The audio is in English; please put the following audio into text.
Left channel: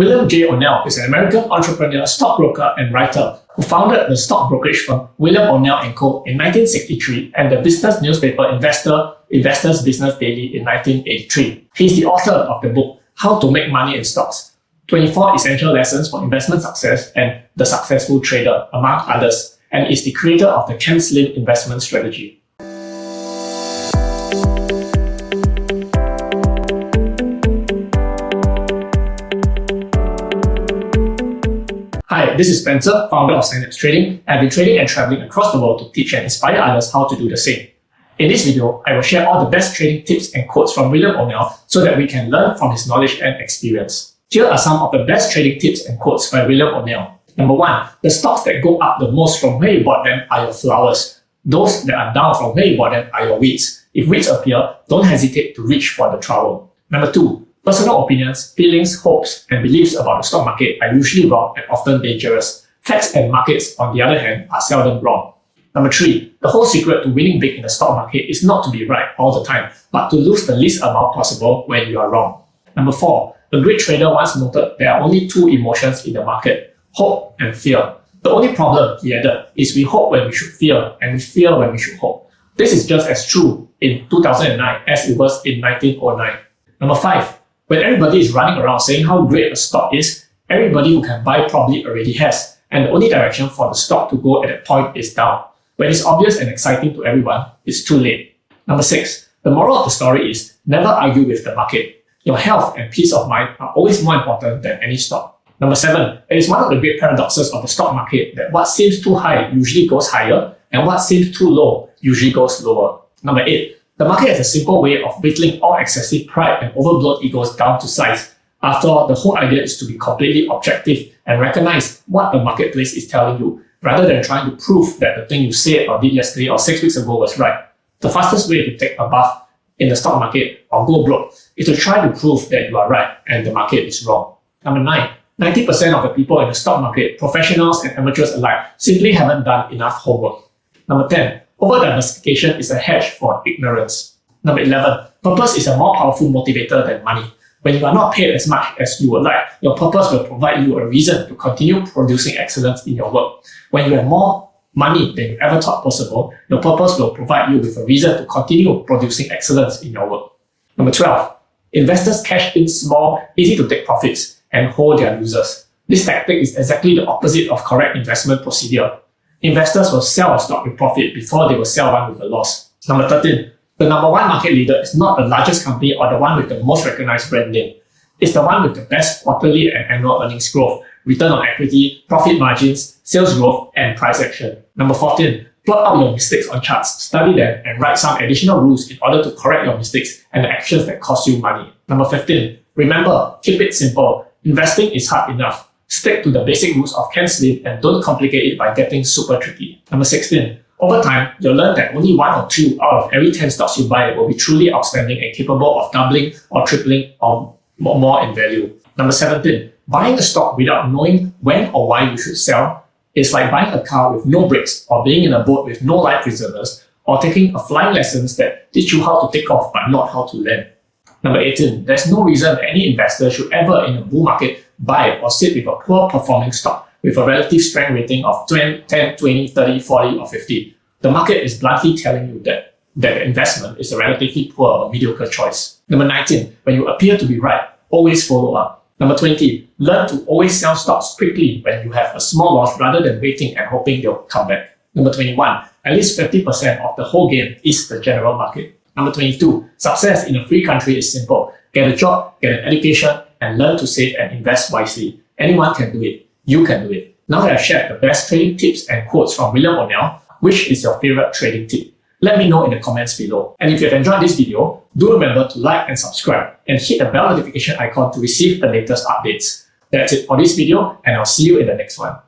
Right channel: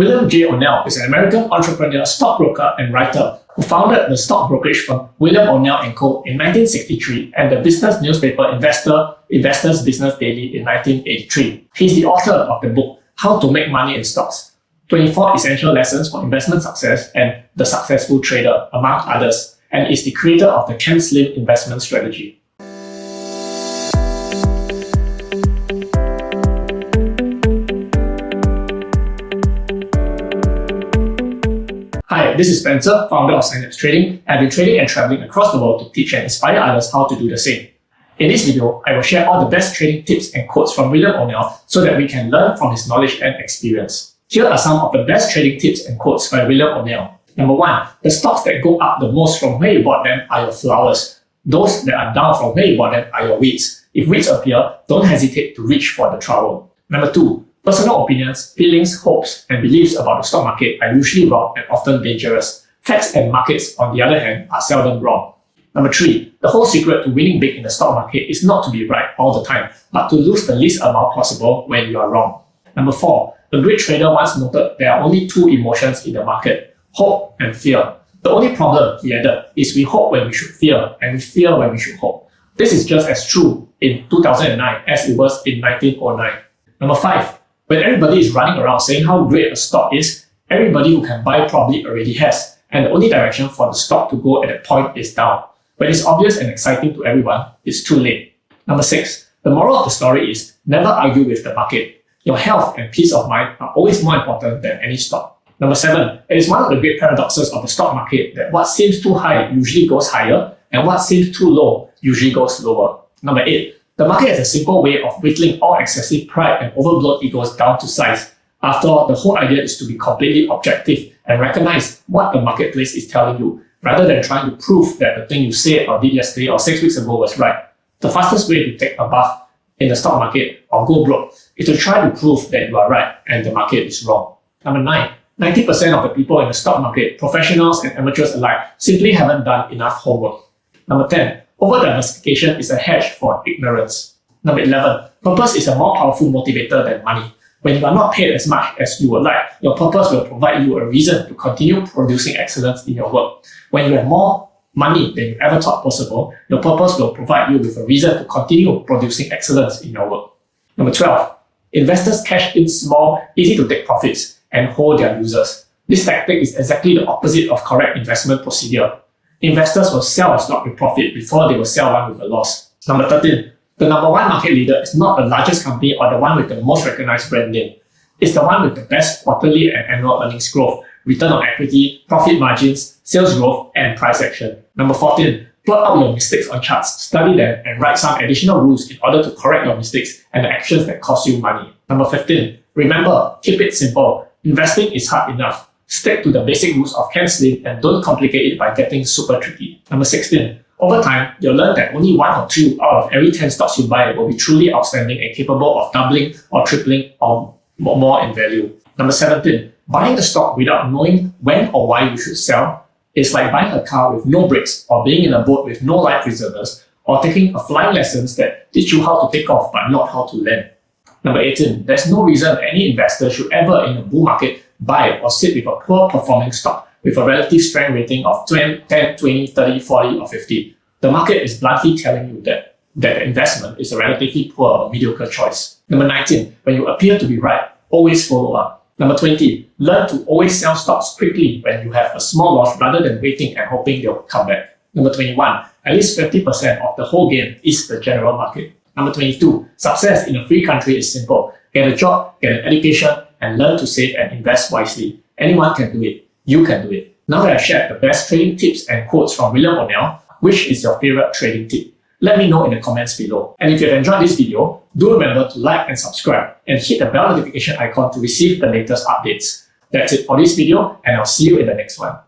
William J. O'Neill is an American entrepreneur, stockbroker, and writer who founded the stock brokerage firm William O'Neill & Co. in 1963 and the business newspaper Investors Business Daily in 1983. He's the author of the book, How to Make Money in Stocks, 24 Essential Lessons for Investment Success and The Successful Trader, among others, and is the creator of the Ken Slim investment strategy. Hi, this is Spencer, founder of Synapse Trading. I've been trading and traveling across the world to teach and inspire others how to do the same. In this video, I will share all the best trading tips and quotes from William O'Neill so that we can learn from his knowledge and experience. Here are some of the best trading tips and quotes by William O'Neill. Number 1. The stocks that go up the most from where you bought them are your flowers. Those that are down from where you bought them are your weeds. If weeds appear, don't hesitate to reach for the trowel. Number 2. Personal opinions, feelings, hopes, and beliefs about the stock market are usually wrong and often dangerous. Facts and markets, on the other hand, are seldom wrong. Number 3. The whole secret to winning big in the stock market is not to be right all the time, but to lose the least amount possible when you are wrong. Number 4. A great trader once noted there are only two emotions in the market, hope and fear. The only problem, he added, is we hope when we should fear, and we fear when we should hope. This is just as true in 2009 as it was in 1909. Number 5. When everybody is running around saying how great a stock is, everybody who can buy probably already has, and the only direction for the stock to go at that point is down. When it's obvious and exciting to everyone, it's too late. Number 6. The moral of the story is never argue with the market. Your health and peace of mind are always more important than any stock. Number 7. It is one of the great paradoxes of the stock market that what seems too high usually goes higher, and what seems too low usually goes lower. Number 8. The market is a simple way of whittling all excessive pride and overblown egos down to size. After all, the whole idea is to be completely objective and recognize what the marketplace is telling you, rather than trying to prove that the thing you said or did yesterday or 6 weeks ago was right. The fastest way to take a bath in the stock market or go broke is to try to prove that you are right and the market is wrong. Number 9. 90% of the people in the stock market, professionals and amateurs alike, simply haven't done enough homework. Number 10. Over-diversification is a hedge for ignorance. Number 11. Purpose is a more powerful motivator than money. When you are not paid as much as you would like, your purpose will provide you a reason to continue producing excellence in your work. When you have more money than you ever thought possible, your purpose will provide you with a reason to continue producing excellence in your work. Number 12. Investors cash in small, easy to take profits and hold their losers. This tactic is exactly the opposite of correct investment procedure. Investors will sell a stock with profit before they will sell one with a loss. Number 13. The number one market leader is not the largest company or the one with the most recognized brand name. It's the one with the best quarterly and annual earnings growth, return on equity, profit margins, sales growth, and price action. Number 14. Plot out your mistakes on charts, study them, and write some additional rules in order to correct your mistakes and the actions that cost you money. Number 15. Remember, keep it simple. Investing is hard enough. Stick to the basic rules of Ken Slim and don't complicate it by getting super tricky. Number 16. Over time, you'll learn that only 1 or 2 out of every 10 stocks you buy will be truly outstanding and capable of doubling or tripling or more in value. Number 17. Buying a stock without knowing when or why you should sell is like buying a car with no brakes or being in a boat with no life preservers or taking a flying lessons that teach you how to take off but not how to land. Number 18. There's no reason that any investor should ever in a bull market buy or sit with a poor performing stock with a relative strength rating of 10, 20, 30, 40, or 50. The market is bluntly telling you that that investment is a relatively poor or mediocre choice. Number 19. When you appear to be right, always follow up. Number 20. Learn to always sell stocks quickly when you have a small loss rather than waiting and hoping they'll come back. Number 21. At least 50% of the whole game is the general market. Number 22. Success in a free country is simple. Get a job, get an education, and learn to save and invest wisely. Anyone can do it. You can do it. Now that I've shared the best trading tips and quotes from William O'Neill, which is your favorite trading tip? Let me know in the comments below. And if you have enjoyed this video, do remember to like and subscribe and hit the bell notification icon to receive the latest updates. That's it for this video, and I'll see you in the next one.